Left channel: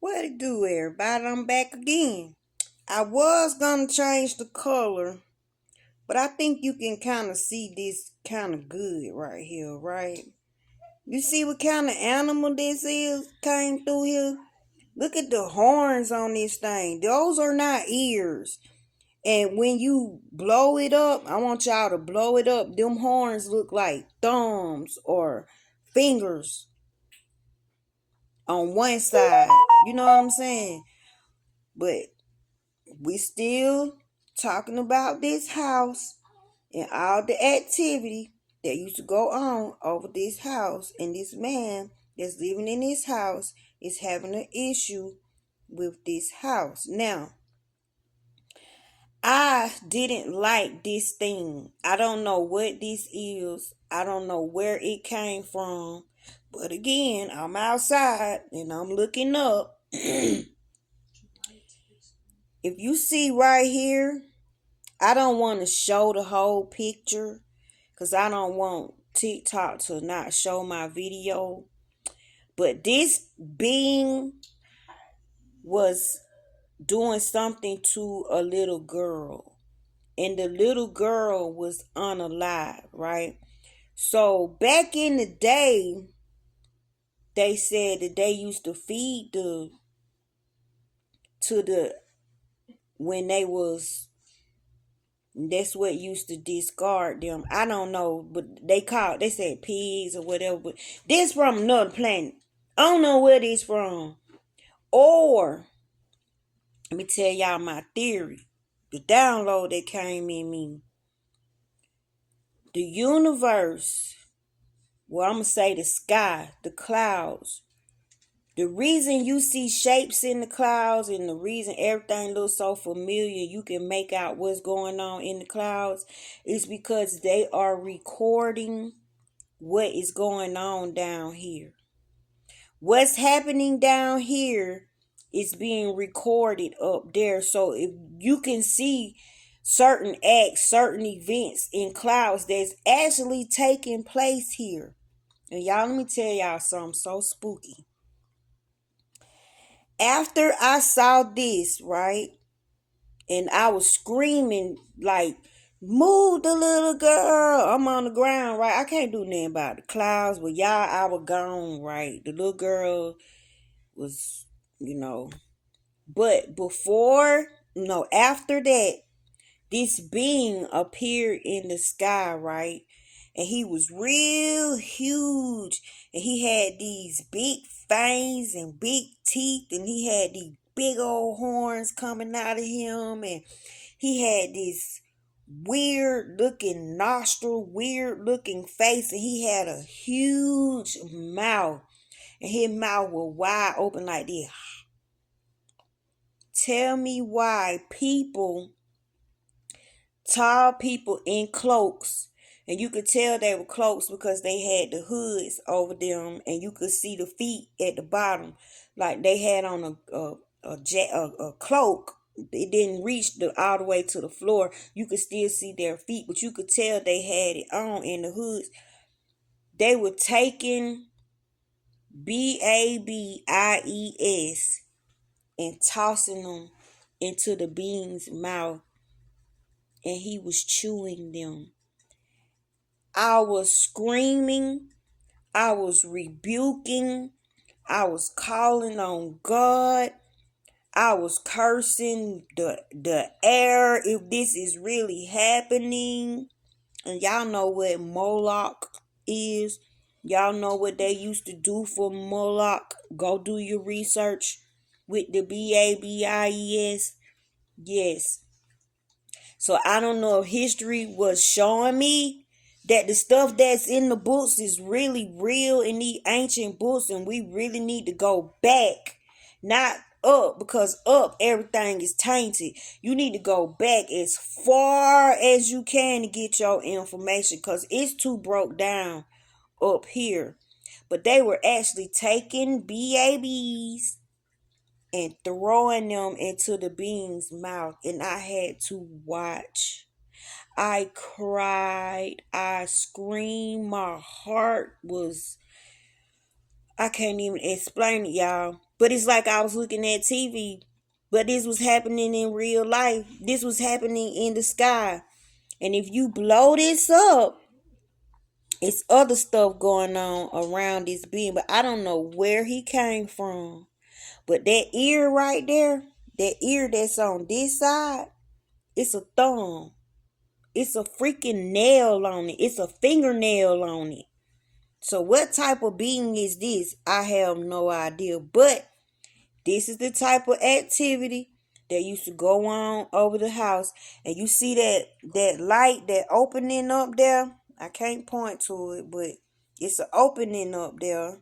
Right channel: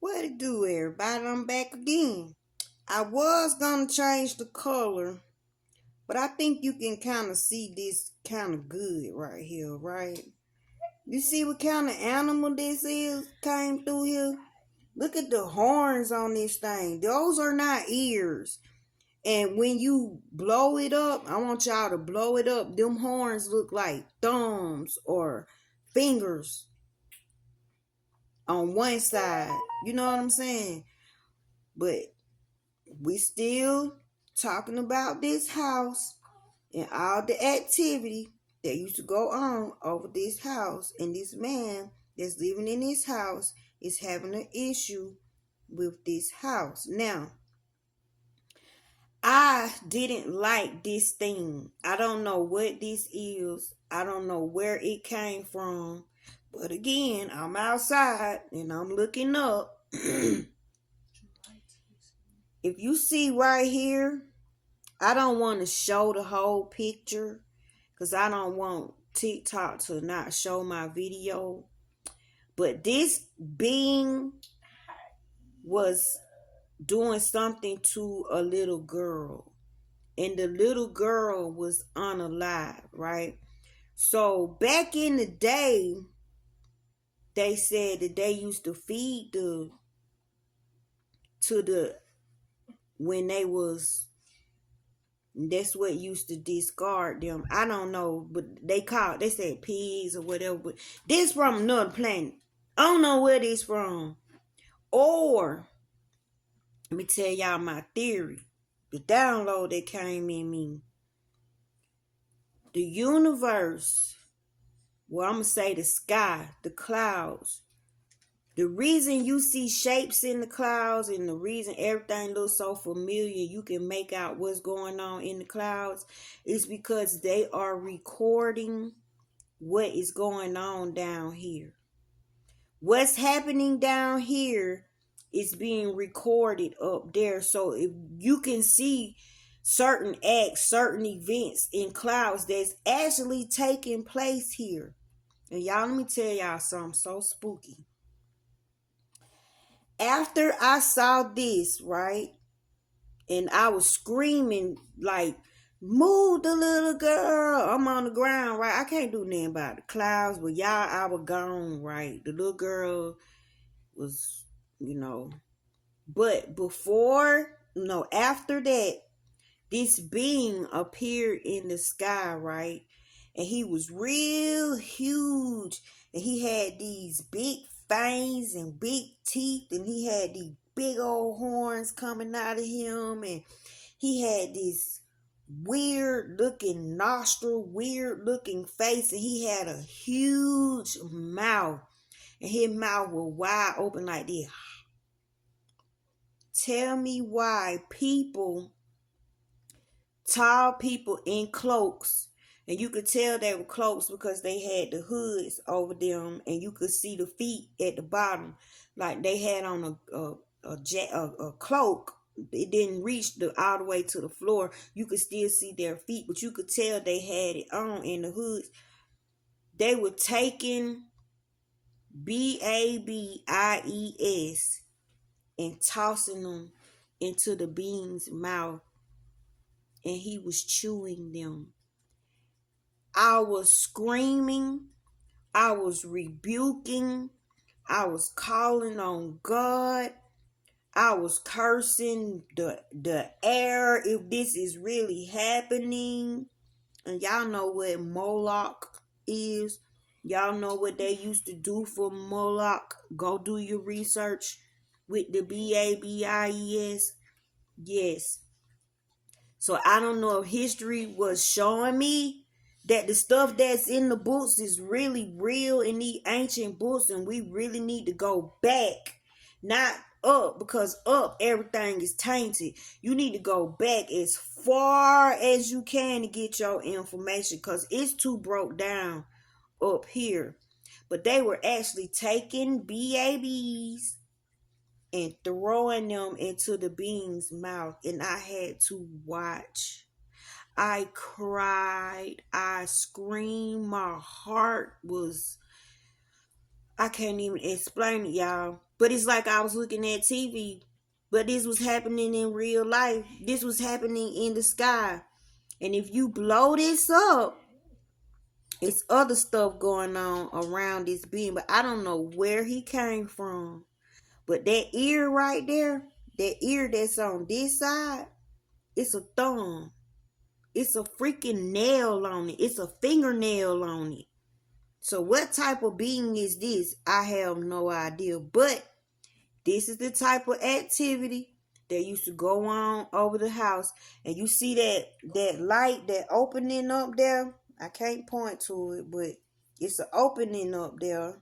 What it do, everybody? I'm back again. I was gonna change the color, but I think you can kind of see this kind of good right here, right? You see what kind of animal this is came through here? Look at the horns on this thing. Those are not ears. And when you blow it up, I want y'all to blow it up. Them horns look like thumbs or fingers on one side. You know what I'm saying? But we still talking about this house and all the activity that used to go on over this house, and this man that's living in this house is having an issue with this house. Now, I didn't like this thing. I don't know what this is. I don't know where it came from. But again, I'm outside and I'm looking up. If you see right here, I don't want to show the whole picture because I don't want TikTok to not show my video. But this being was doing something to a little girl, and the little girl was unalive, right? So back in the day, they said that they used to feed the to the when they was that's what used to discard them. I don't know, but they said pigs or whatever. But this from another planet. I don't know where this from. Or let me tell y'all my theory. The download that came in me. The universe. Well, I'm gonna say the sky, the clouds. The reason you see shapes in the clouds and the reason everything looks so familiar, you can make out what's going on in the clouds, is because they are recording what is going on down here. What's happening down here is being recorded up there. So if you can see certain acts, certain events in clouds that's actually taking place here. And y'all, let me tell y'all something so spooky. After I saw this, right, and I was screaming like, move the little girl. I'm on the ground, right? I can't do nothing about the clouds, but y'all, I was gone, right? The little girl was, you know. But before, no, after that, this being appeared in the sky, right? And he was real huge. And he had these big fangs and big teeth. And he had these big old horns coming out of him. And he had this weird looking nostril, weird looking face. And he had a huge mouth. And his mouth was wide open like this. Tell me why tall people in cloaks, and you could tell they were cloaks because they had the hoods over them, and you could see the feet at the bottom, like they had on a cloak. It didn't reach all the way to the floor. You could still see their feet, but you could tell they had it on in the hoods. They were taking BABIES and tossing them into the being's mouth, and he was chewing them. I was screaming, I was rebuking, I was calling on God, I was cursing the air if this is really happening. And y'all know what Moloch is. Y'all know what they used to do for Moloch. Go do your research with the BABIES. Yes. So I don't know if history was showing me that the stuff that's in the books is really real in these ancient books, and we really need to go back, not up, because up everything is tainted. You need to go back as far as you can to get your information, because it's too broke down up here. But they were actually taking BABs and throwing them into the being's mouth, and I had to watch. I cried, I screamed, my heart was I can't even explain it, y'all. But it's like I was looking at TV. But this was happening in real life. This was happening in the sky. And if you blow this up, it's other stuff going on around this being. But I don't know where he came from. But that ear right there, that ear that's on this side, it's a thumb. It's a freaking nail on it. It's a fingernail on it. So what type of being is this? I have no idea. But this is the type of activity that used to go on over the house. And you see that light, that opening up there. I can't point to it, but it's an opening up there.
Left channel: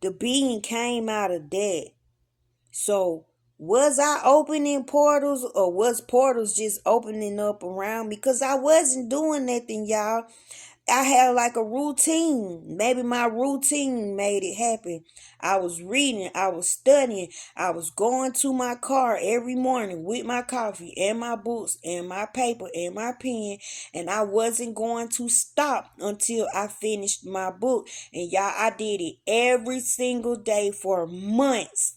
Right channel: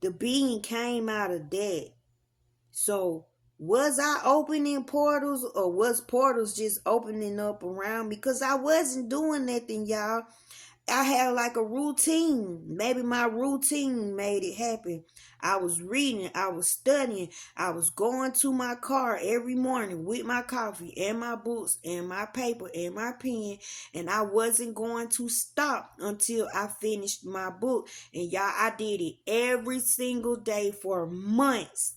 The being came out of that. So was I opening portals, or was portals just opening up around me? Because I wasn't doing nothing, y'all. I had like a routine. Maybe my routine made it happen. I was reading, I was studying, I was going to my car every morning with my coffee and my books and my paper and my pen, and I wasn't going to stop until I finished my book. And y'all, I did it every single day for months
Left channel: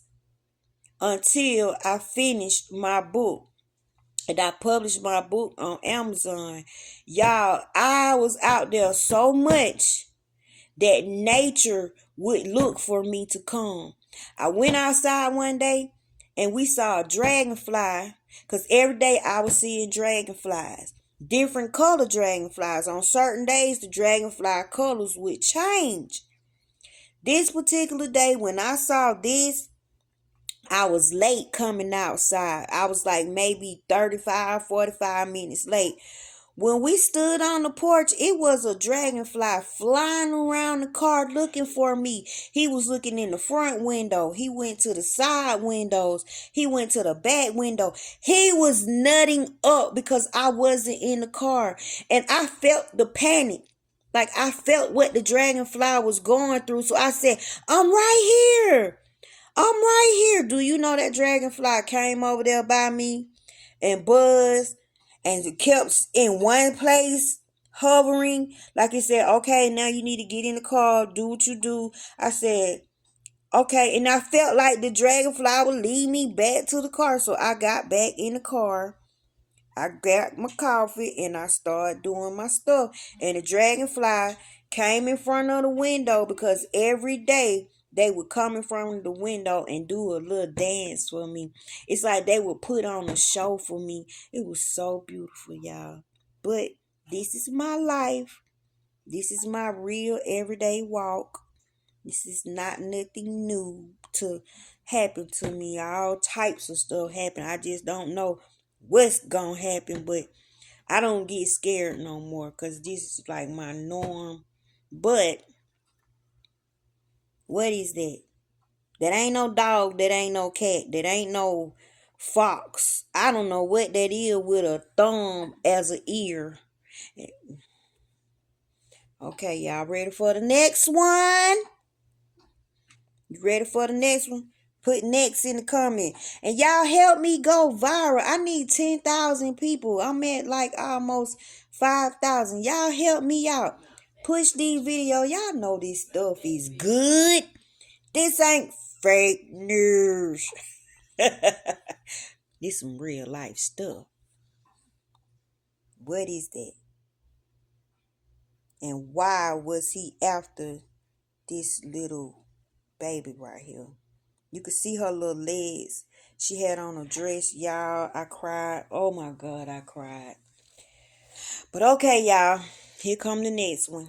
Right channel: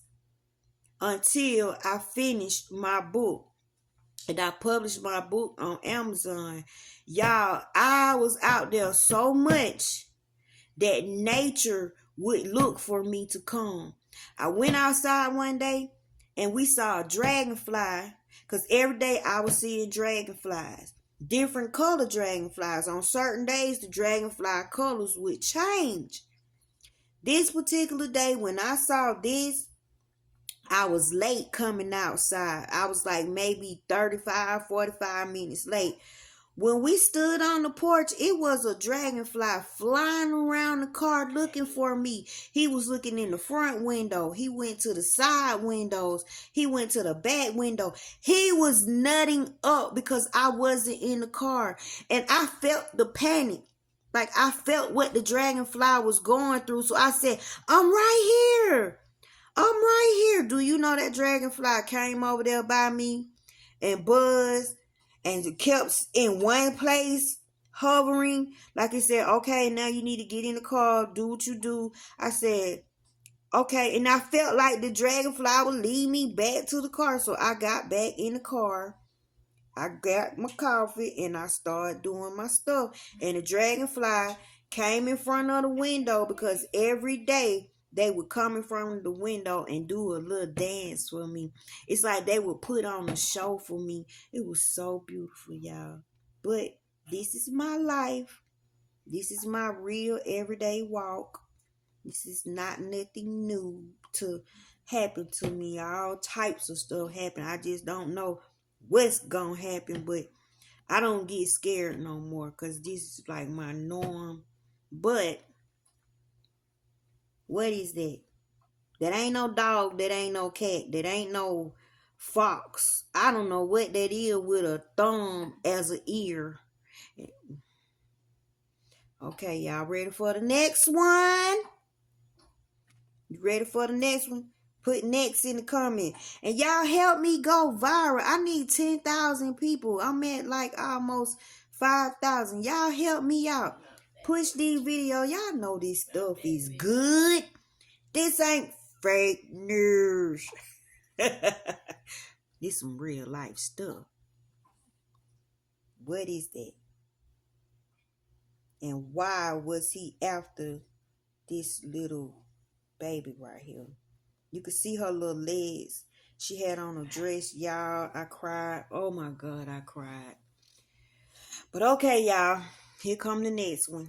until I finished my book. And I published my book on Amazon. Y'all, I was out there so much that nature would look for me to come. I went outside one day and we saw a dragonfly, because every day I was seeing dragonflies. Different color dragonflies. On certain days, the dragonfly colors would change. This particular day, when I saw this, I was late coming outside. I was like maybe 35, 45 minutes late. When we stood on the porch, it was a dragonfly flying around the car looking for me. He was looking in the front window. He went to the side windows. He went to the back window. He was nutting up because I wasn't in the car. And I felt the panic. Like I felt what the dragonfly was going through. So I said, I'm right here. I'm right here. Do you know that dragonfly came over there by me and buzzed and kept in one place hovering? Like it said, okay, now you need to get in the car, do what you do. I said, okay. And I felt like the dragonfly would lead me back to the car. So I got back in the car. I got my coffee and I started doing my stuff. And the dragonfly came in front of the window because every day they would come in front of the window and do a little dance for me. It's like they would put on a show for me. It was so beautiful, y'all. But this is my life. This is my real everyday walk. This is not nothing new to happen to me. All types of stuff happen. I just don't know what's gonna happen, but I don't get scared no more because this is like my norm. But what is that? That ain't no dog, that ain't no cat, that ain't no fox. I don't know what that is with a thumb as an ear. Okay, y'all ready for the next one? You ready for the next one? Put next in the comment. And y'all help me go viral. I need 10,000 people. I'm at like almost 5,000. Y'all help me out. Push these videos. Y'all know this stuff is good. This ain't fake news. This some real life stuff. What is that? And why was he after this little baby right here? You could see her little legs. She had on a dress, y'all. I cried. Oh my God, I cried. But okay, y'all. Here come the next one.